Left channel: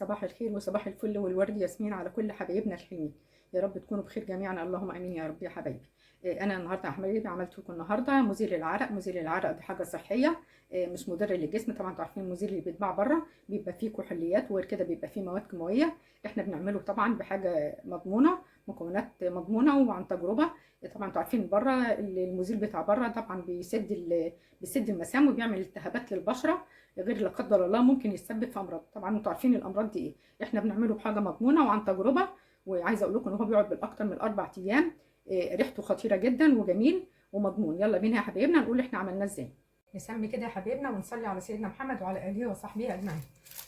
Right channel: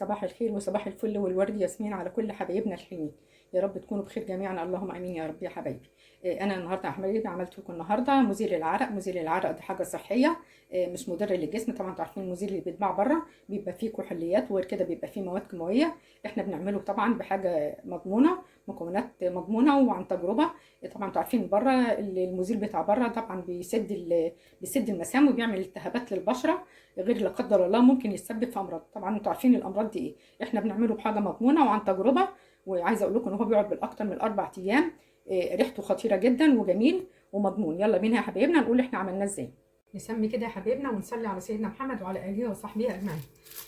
صباح الخير وصباح الفل والورد ياسمين على كل حبايبنا الحلوين. يا رب تكونوا بخير جميعا، اللهم امين يا رب يا حبايبي. انا النهارده يا حبايبي عملت لكم النهارده مزيل العرق. مزيل العرق دي حاجه صحيه، مش مضر للجسم. طبعا انتوا عارفين المزيل اللي بيتباع بره بيبقى فيه كحوليات وغير كده بيبقى فيه مواد كيماويه. احنا بنعمله طبعا بحاجه مضمونه، مكونات مضمونه وعن تجربه. طبعا انتوا عارفين بره المزيل بتاع بره طبعا بيسد المسام وبيعمل التهابات للبشره، غير لا قدر الله ممكن يسبب في امراض. طبعا انتوا عارفين الامراض دي ايه. احنا بنعمله بحاجه مضمونه وعن تجربه، وعايزه اقول لكم ان هو بيقعد بالاكتر من 4 ايام. ريحته خطيره جدا وجميل ومضمون. يلا بينا يا حبايبنا نقول احنا عملناه ازاي. نسمي كده يا حبايبنا ونصلي على سيدنا محمد وعلى اله وصحبه اجمعين.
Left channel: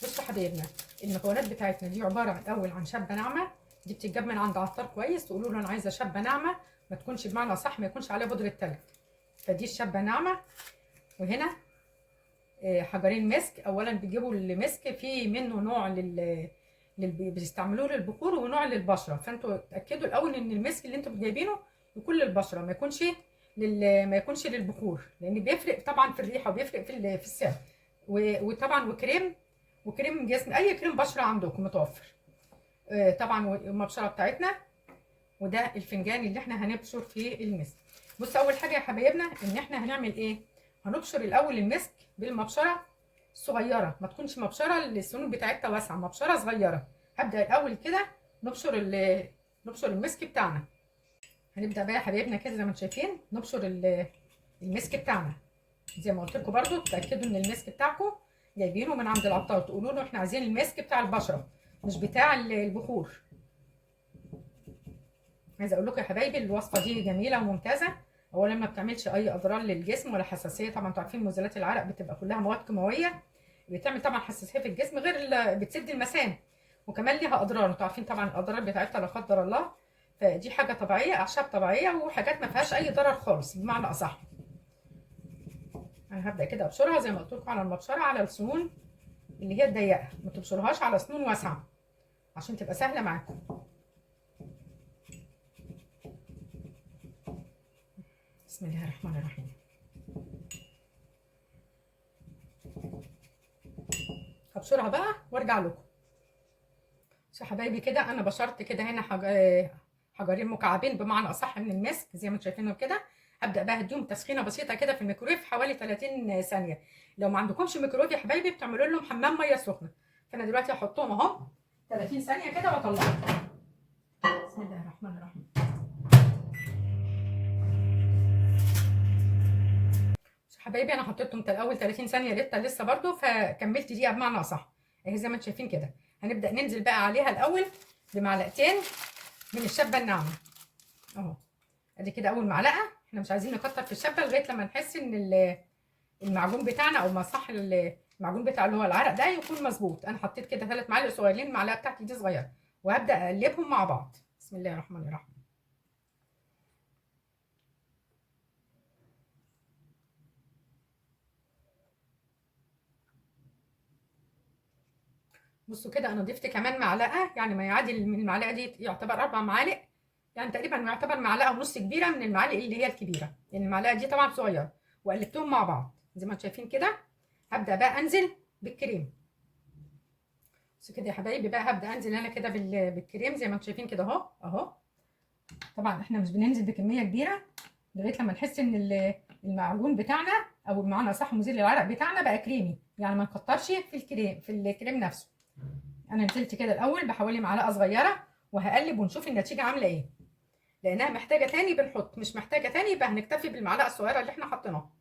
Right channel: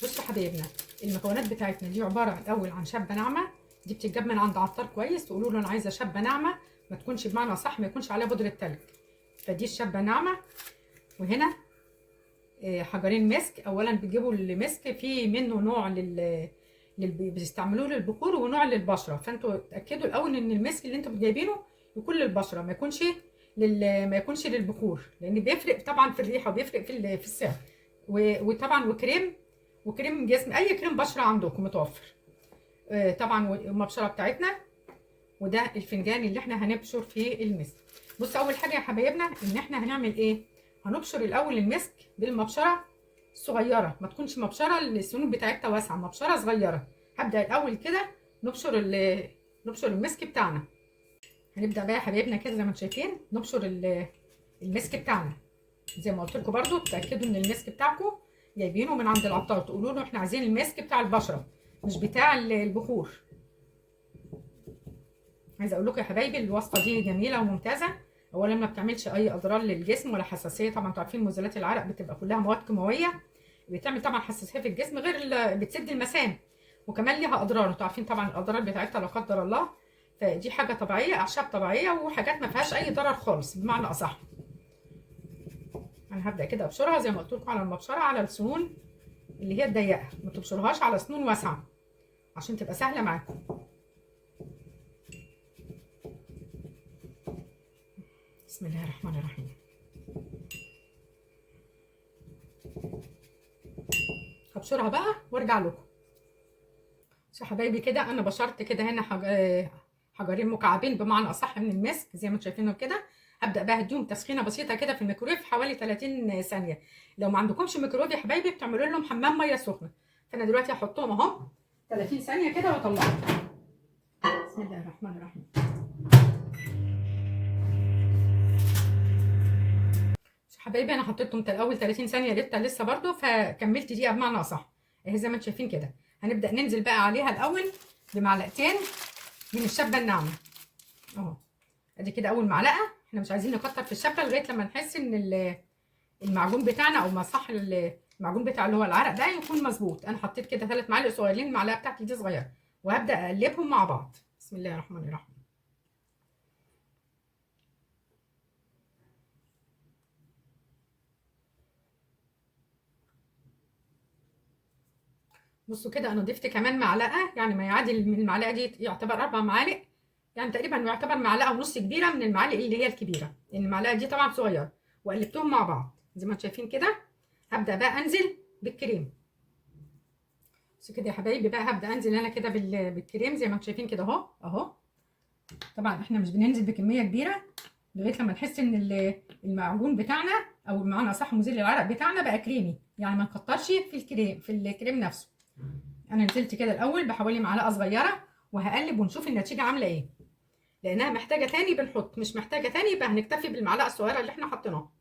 بصوا يا حبايبنا، المكونات بتاعتنا دي عباره الاول عن شبه ناعمه. دي بتتجاب من عند عطار كويس، تقولوا له انا عايزه شبه ناعمه، ما تكونش بمعنى صح ما يكونش عليها بودره تلج. فدي الشبه ناعمه. وهنا حجرين مسك. اولا بتجيبوا المسك في منه نوع بيستعملوه للبخور ونوع للبشره، فانتوا اتاكدوا الاول ان المسك اللي انتوا جايبينه يكون للبشره، ما يكونش للبخور، لان بيفرق طبعا في الريحه وبيفرق في السعر. وطبعا وكريم جسم، اي كريم بشره عندكم متوفر. طبعا المبشره بتاعتنا، وده الفنجان اللي احنا هنبشر فيه المسك. بصوا اول حاجه يا حبايبنا ان احنا هنعمل ايه، هنبشر الاول المسك بالمبشره الصغيره، ما تكونش مبشره السنون بتاعتها واسعه، مبشره صغيره. هبدا الاول كده نبشر المسك بتاعنا. هنبدا بقى يا حبايبنا كده زي ما انتم شايفين نبشر المسك بتاعنا. زي ما قلت لكم برده تاكدوا ان المسك بتاعكم جايبينه من عند العطار، تقولوا له احنا عايزين المسك بتاع البشره مش بتاع البخور. عايزه اقول لكم يا حبايبي الوصفه دي جميله وممتازه. اولا ما بتعملش اي اضرار للجسم ولا حساسيه. طبعا انتوا عارفين مزيلات العرق بتبقى كلها مواد كيماويه، بتعمل طبعا حساسيه في الجسم، غير بتسد المسام، وكمان ليها اضرار. انتوا عارفين طبعا الاضرار بتاعتها لا قدر الله. فدي حاجه طبيعيه، اعشاب طبيعيه وحاجات ما فيهاش اي ضرر خالص بمعنى اصح. انا هبدا كده ابشرها زي ما قلت لكم على المبشره، على السنون اللي هي الضيقه، ما تبشرهاش على سنون واسعه عشان تبقى سهله معاكم. بسم الله الرحمن الرحيم. هبشرها بقى وارجع لكم. يا حبايبي كده انا بشرت كده هنا حجرين مكعبين بمعنى اصح من المسك زي ما انتم شايفينه كده. هبدا بقى اديهم تسخينه بسيطه كده في الميكرويف حوالي 30 ثانيه. لو ما عندكمش ميكرويف يا حبايبي بتعملوا لهم حمام ميه سخنه. فانا دلوقتي هحطهم اهو 30 ثانيه كده واطلعهم. بسم الله الرحمن الرحيم. حبايبي انا حطيتهم الاول 30 ثانيه لسه برده، فكملت دقيقه بمعنى اصح اهي زي ما انتم شايفين كده. هنبدا ننزل بقى عليها الاول بمعلقتين من الشبه الناعمه اهو. ادي كده اول معلقه. احنا مش عايزين نكتر في الشبه لغايه لما نحس ان المعجون بتاعنا او ما صح المعجون بتاع اللي هو العرق ده يكون مظبوط. انا حطيت كده 3 معالق صغيرين، المعلقه بتاعتي دي صغيره، وهبدا اقلبهم مع بعض. بسم الله الرحمن الرحيم. بصوا كده انا ضفت كمان معلقه، يعني ما يعادل من المعلقه دي يعتبر 4 معالق، يعني تقريبا يعتبر معلقه ونص كبيره من المعالق اللي هي الكبيره، لان المعلقه دي طبعا صغيره. وقلبتهم مع بعض زي ما انتم شايفين كده. هبدا بقى انزل بالكريم. بصوا كده يا حبايبي بقى هبدا انزل انا كده بالكريم زي ما انتم شايفين كده اهو اهو. طبعا احنا مش بننزل بكميه كبيره لغايه لما نحس ان المعجون بتاعنا او بمعنى اصح مزيل العرق بتاعنا بقى كريمي، يعني ما نكترش في الكريم نفسه. انا نزلت كده الاول بحوالي معلقه صغيره، وهقلب ونشوف النتيجه عامله ايه. لانها محتاجه تاني بنحط، مش محتاجه تاني يبقى هنكتفي بالمعلقه الصغيره اللي احنا حطيناها.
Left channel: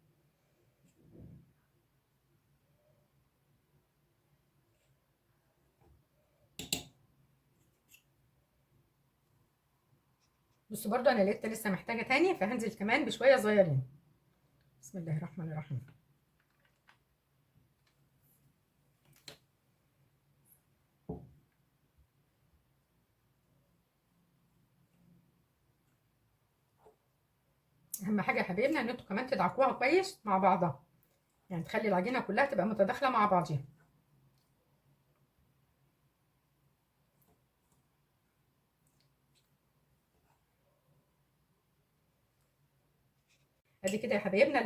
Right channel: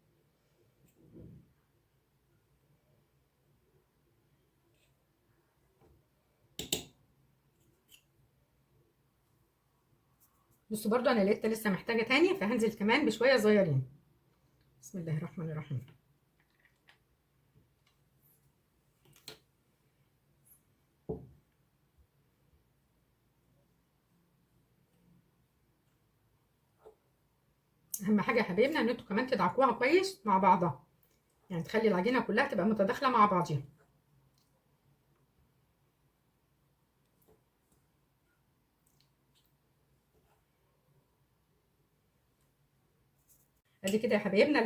بصوا برضو انا لقيت لسه محتاجه تاني، فهنزل كمان بشويه صغيرين. بسم الله الرحمن الرحيم. اهم حاجه يا حبايبنا ان انتوا كمان تدعكوها كويس مع بعضها، يعني تخلي العجينه كلها تبقى متداخله مع بعضيها. ادي كده يا حبايبنا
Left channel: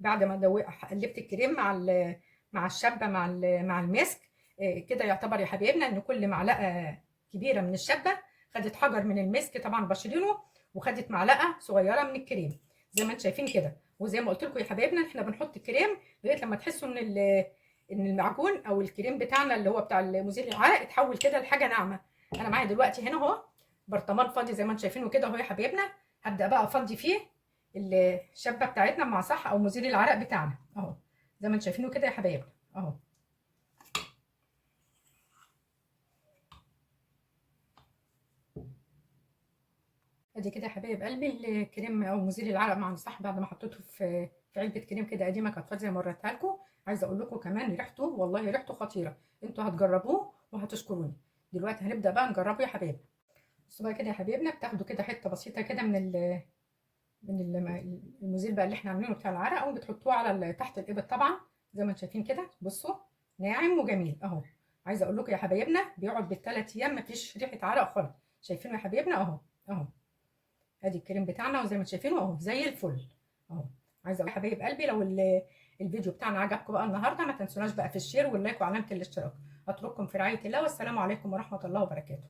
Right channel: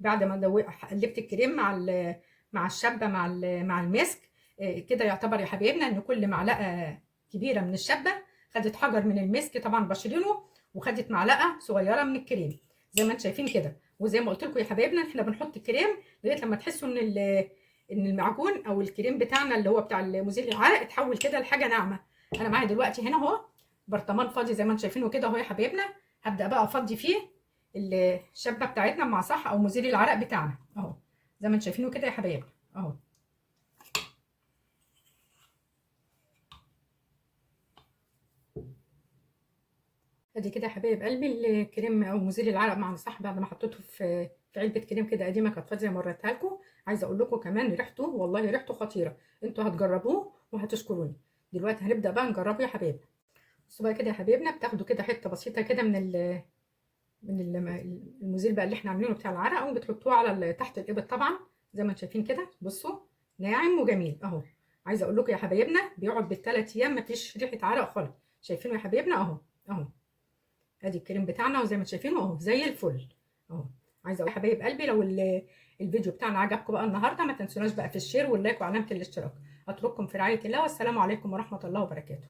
بعد ما قلبت الكريم مع الشبه مع المسك. كده يعتبر يا حبايبنا ان كل معلقه كبيره من الشبه خدت حجر من المسك طبعا بشرينه، وخدت معلقه صغيره من الكريم زي ما انتم شايفين كده. وزي ما قلت لكم يا حبايبنا احنا بنحط الكريم لغايه لما تحسوا ان المعجون او الكريم بتاعنا اللي هو بتاع مزيل العرق اتحول كده لحاجه ناعمه. انا معايا دلوقتي هنا اهو برطمان فاضي زي ما انتم شايفينه كده اهو يا حبايبنا. هبدا بقى افضي فيه الشبه بتاعتنا مع صح او مزيل العرق بتاعنا اهو زي ما انتم شايفينه كده يا حبايبنا اهو. ادي كده يا حبايب قلبي الكريم او مزيل العرق مع صح بعد ما حطيته في علبه كريم كده قديمه كانت فاضيه وريتها لكم. عايزه اقول لكم كمان ريحته والله ريحته خطيره، انتوا هتجربوه وهتشكروني. دلوقتي هنبدا بقى نجربه يا حبايب. بصوا بقى كده يا حبايبنا بتاخدوا كده حته بسيطه كده المزيل بقى اللي احنا عاملينه بتاع العرق وبتحطوه على تحت الابط طبعا زي ما انتم شايفين كده. بصوا ناعم وجميل اهو. عايزه اقول لكم يا حبايبنا بيقعد بالثلاث ايام مفيش ريحه عرق خالص. شايفينه يا حبايبنا اهو اهو. ادي الكريم بتاعنا وزي ما شايفينه اهو زي الفل اهو. عايزه اقول حبايب قلبي لو الفيديو بتاعنا عجبكم بقى النهارده ما تنسوناش بقى في الشير واللايك وعلامه الاشتراك. اترككم في رعايه الله والسلام عليكم ورحمه الله وبركاته.